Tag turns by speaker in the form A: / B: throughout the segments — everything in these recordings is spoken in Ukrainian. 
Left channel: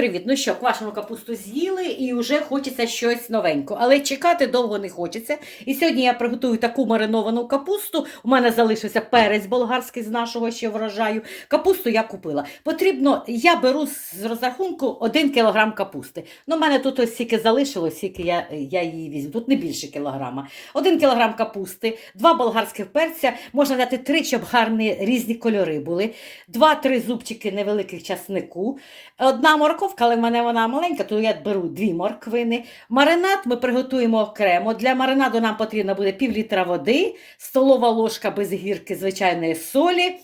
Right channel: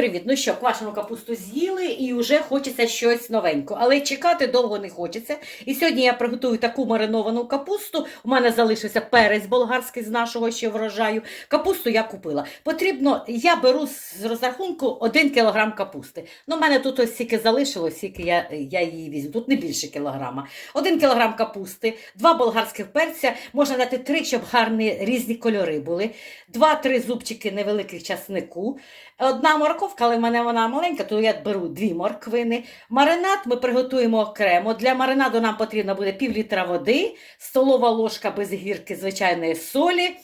A: привіт! Ну що, квашену капусту з'їли і вже хочеться щось новенького. Але чекати довго не хочеться. І сьогодні я приготую таку мариновану капусту. У мене залишився перець болгарський з нашого ще врожаю. Капусту я купила. Потрібно, я беру з розрахунку 1 кг капусти. Ну, у мене тут ось стільки залишилось, скільки я, я її візьму. Тут не більше кілограма. 1 кг капусти, 2 болгарських перця, можна дати 3, щоб гарні різні кольори були. 2-3 зубчики невеликих часнику. Одна морковка, але в мене вона маленька, то я беру дві морквини. Маринад ми приготуємо окремо. Для маринаду нам потрібно буде пів літра води, столова ложка без гірки звичайної солі,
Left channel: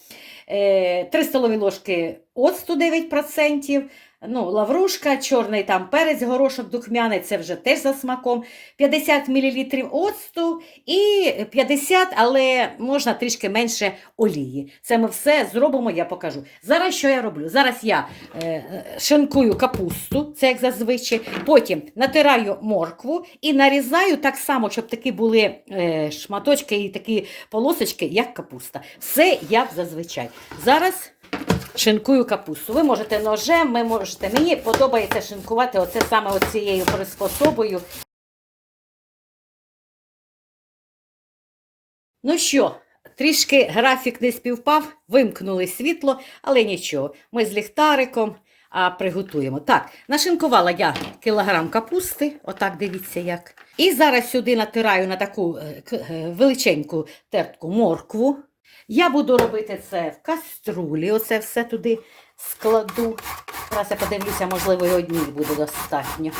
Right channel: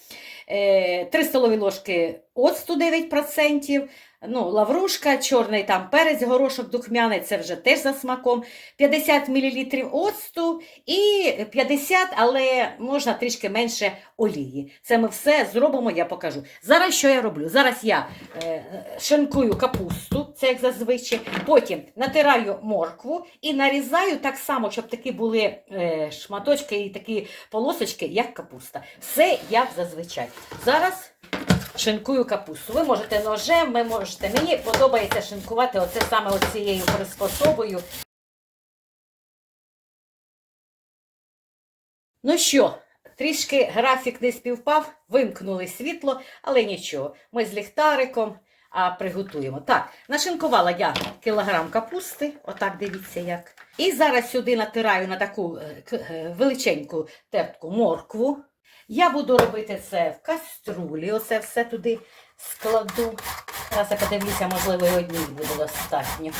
A: 3 столові ложки оцту 9%. Ну, лаврушка, чорний там перець, горошок духмяний, це вже теж за смаком. 50 мл оцту і 50, але можна трішки менше олії. Це ми все зробимо, я покажу. Зараз що я роблю? Зараз я е, шинкую капусту, це як зазвичай. Потім натираю моркву і нарізаю так само, щоб такі були е, шматочки і такі полосочки, як капуста. Все як зазвичай. Зараз шинкую капусту. Ви можете ножем, ви можете. Мені подобається шинкувати оце саме оцією приспособою. Ну що, трішки графік не співпав, вимкнули світло, але нічого. Ми з ліхтариком а, приготуємо. Так, нашинкувала я кілограм капусти, отак дивіться як. І зараз сюди натираю на таку е, е, величеньку тертку моркву. Я буду робити це в каструлі, оце все туди складу. Зараз я подивлюся, можливо, і одній буде достатньо.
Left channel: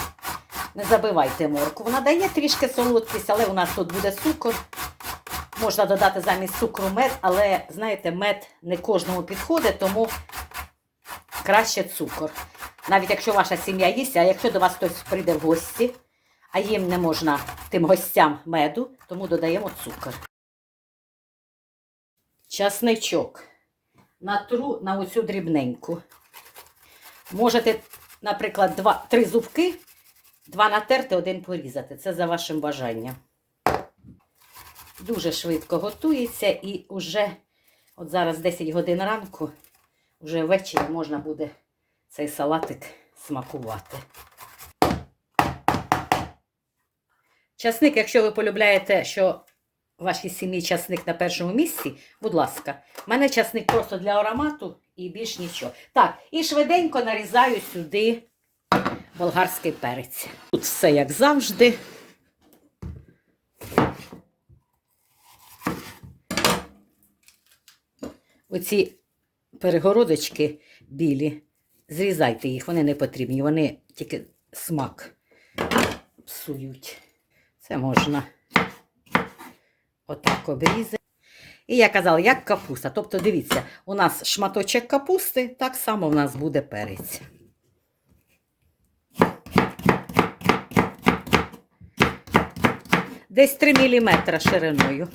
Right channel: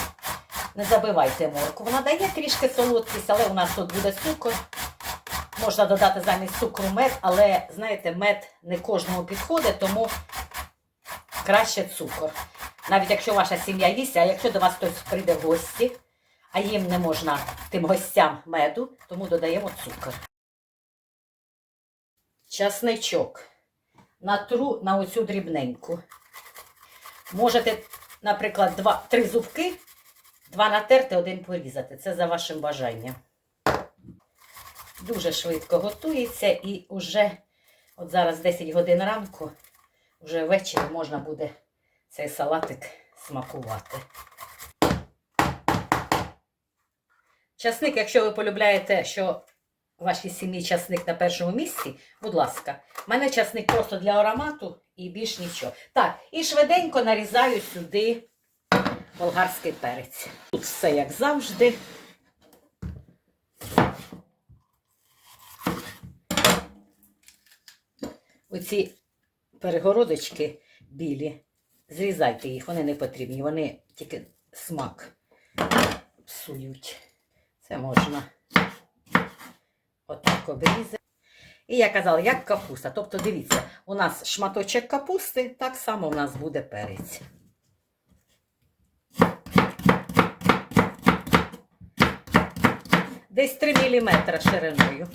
A: Не забивайте моркву. Вона дає трішки солодкість, але у нас тут буде цукор. Можна додати замість цукру мед, але, знаєте, мед не кожному підходить, тому краще цукор. Навіть якщо ваша сім'я їсть, а якщо до вас хтось прийде в гості, а їм не можна тим гостям меду, тому додаємо цукор. Часничок. Натру на оцю дрібненьку. Можете, наприклад, два, три зубки, два натерти, один порізати. Це за вашим бажанням. Дуже швидко готується і вже, от зараз 10 годин ранку, вже ввечері можна буде цей салатик смакувати. Часник, якщо ви полюбляєте, що вашій сім'ї часник на першому місці, будь ласка, в мене часник просто для аромату і більш нічого. Так, і швиденько нарізаю сюди болгарський перець. Тут все як завжди. Оці перегородочки білі, зрізайте їх, вони не потрібні, вони тільки смак псують. Це можна отак обрізати. І я казала, як капуста. Тобто, дивіться, у нас шматочок капусти, так само у нас буде перець. Десь 3 мм шириною.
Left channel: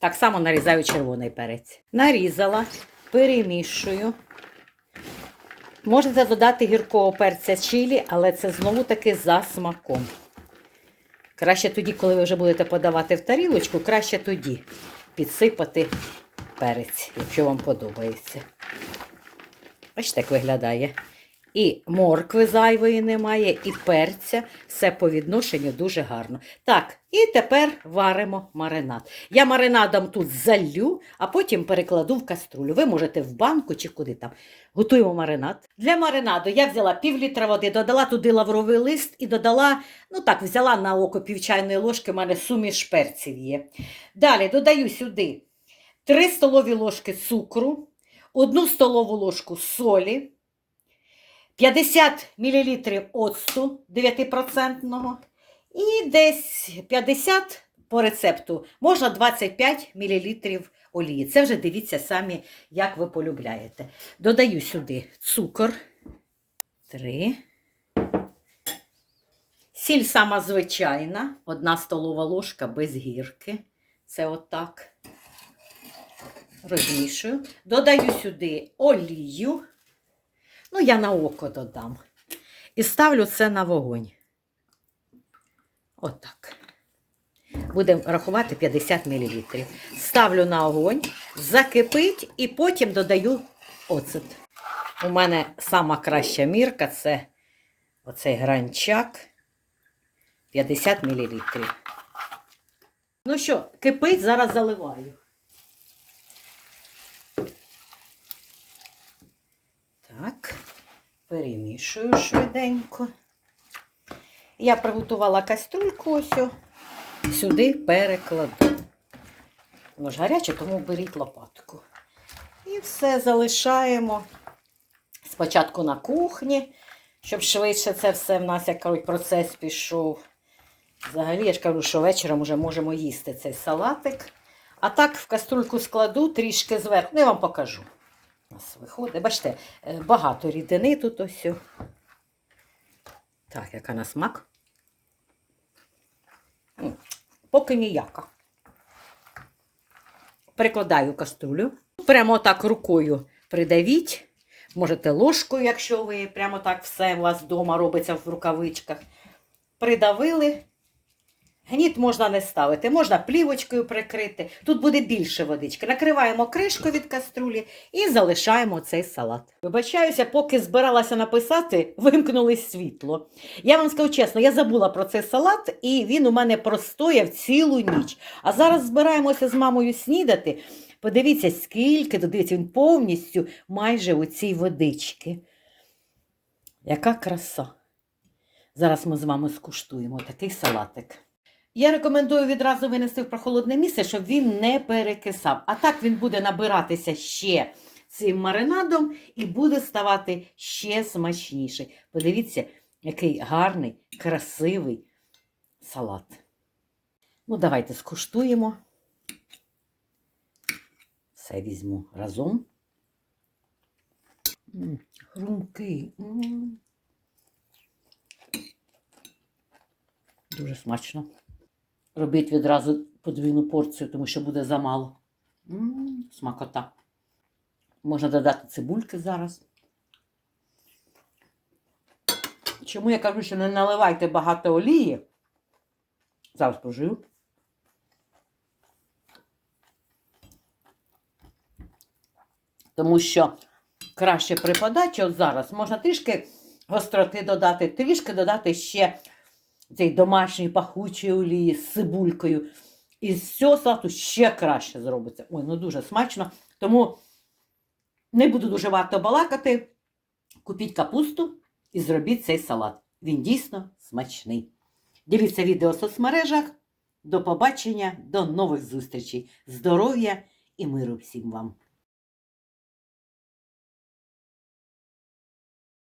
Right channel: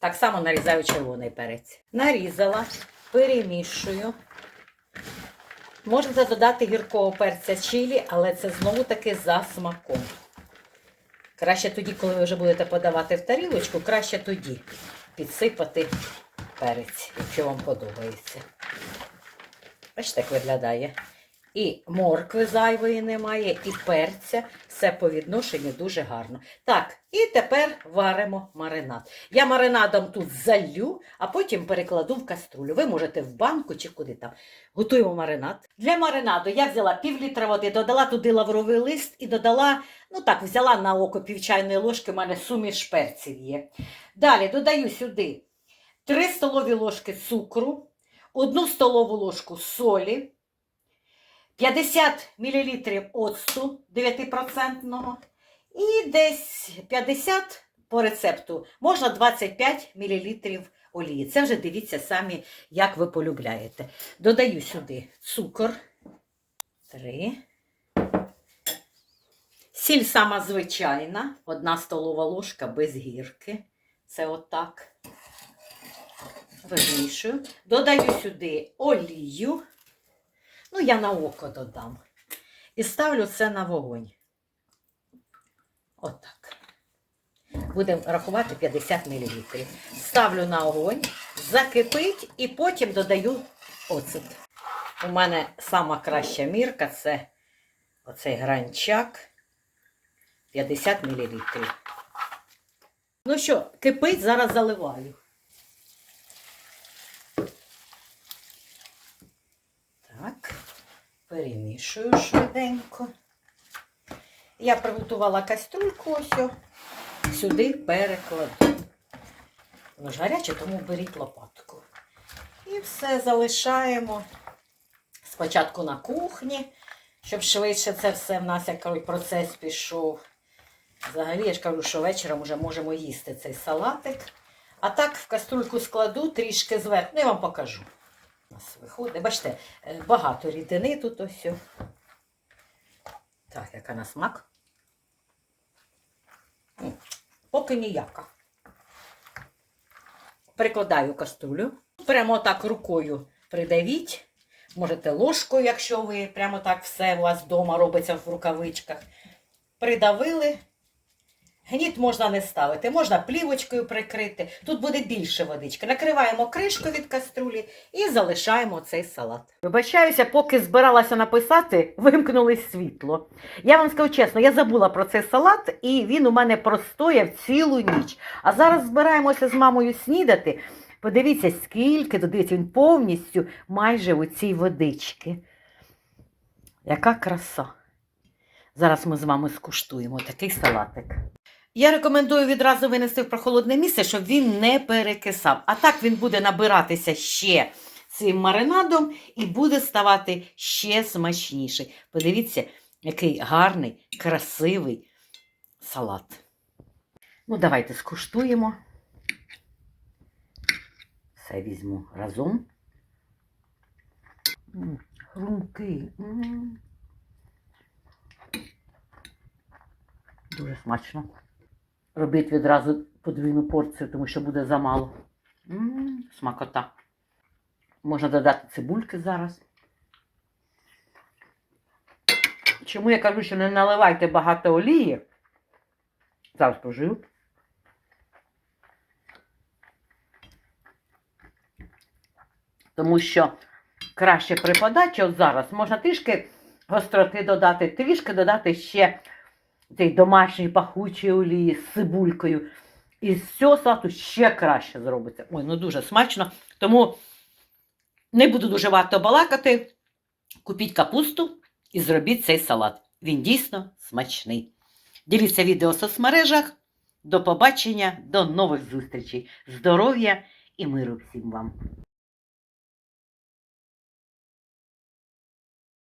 A: Так само нарізаю червоний перець. Нарізала, перемішую. Можете додати гіркого перця чилі, але це знову таки за смаком. Краще тоді, коли ви вже будете подавати в тарілочку, краще тоді підсипати перець, якщо вам подобається. Бачите, як виглядає. І моркви зайвої немає, і перця. Все по відношенню дуже гарно. Так, і тепер варимо маринад. Я маринадом тут залью, а потім перекладу в каструлю. Ви можете в банку чи куди там. Готуємо маринад. Для маринаду я взяла пів літра води, додала туди лавровий лист і додала, ну так, взяла на око пів чайної ложки, у мене суміш перців є. Далі додаю сюди 3 столові ложки цукру, 1 столову ложку солі. 50 мл оцту 9% і десь 50 по рецепту, можна 25 мл олії. Це вже дивіться самі, як ви полюбляєте. Додаю сюди цукор 3. Сіль сама звичайна, 1 столова ложка без гірки. Це отак. Розмішую. Додаю сюди олію. Ну, я на око додам. І ставлю це на вогонь. Отак. Будемо рахувати 50 мл. Ставлю на огонь, закипить і потім додаю оцет. У мене сама краща мірка це оцей гранчак 50 мл. Ну що, кипить, зараз заливаю. Так, перемішую швиденько. Я приготувала кастрюльку ось сюди перекладу. Воно ж гаряче, тому беріть лопатку. І все залишаємо спочатку на кухні, щоб швидше це все в нас як процес пішов. Взагалі, я ж кажу, що вечором вже можемо їсти цей салатик. А так в каструльку складу трішки зверху. Ну, я вам покажу. Нас виходить. Бачите, е, багато рідини тут ось. Так, яка на смак. Поки ніяка. Перекладаю каструлю. Прямо так рукою придавіть. Можете ложкою, якщо ви прямо так все у вас вдома робиться в рукавичках. Придавили. Гніт можна не ставити, можна плівочкою прикрити. Тут буде більше водички. Накриваємо кришку від каструлі і залишаємо цей салат. Вибачаюся, поки збиралася написати, вимкнулось світло. Я вам скажу чесно, я забула про цей салат, і він у мене простояв цілу ніч. А зараз збираємося з мамою снідати. Подивіться, скільки дивіться, він повністю майже у цій водички. Яка краса. Зараз ми з вами скуштуємо такий салатик. Я рекомендую відразу винести в прохолодне місце, щоб він не перекисав. А так він буде набиратися ще цим маринадом і буде ставати ще смачніший. Подивіться, який гарний, красивий салат. Ну, давайте скуштуємо. Все візьму разом. Хрумкий. Дуже смачно. Робіть відразу подвійну порцію, тому що буде замало. М, Смакота. Можна додати цибульки зараз. Чому я кажу, що не наливайте багато олії? Зараз пожив. Тому що краще при подачі, от зараз можна трішки гостроти додати, трішки додати ще цей домашній пахучий олії з цибулькою. І з цього салату ще краще зробиться. Ой, ну дуже смачно. Тому не буду дуже варто балакати. Купіть капусту і зробіть цей салат. Він дійсно смачний. Дивіться відео в соцмережах. До побачення, до нових зустрічей. Здоров'я і миру всім вам!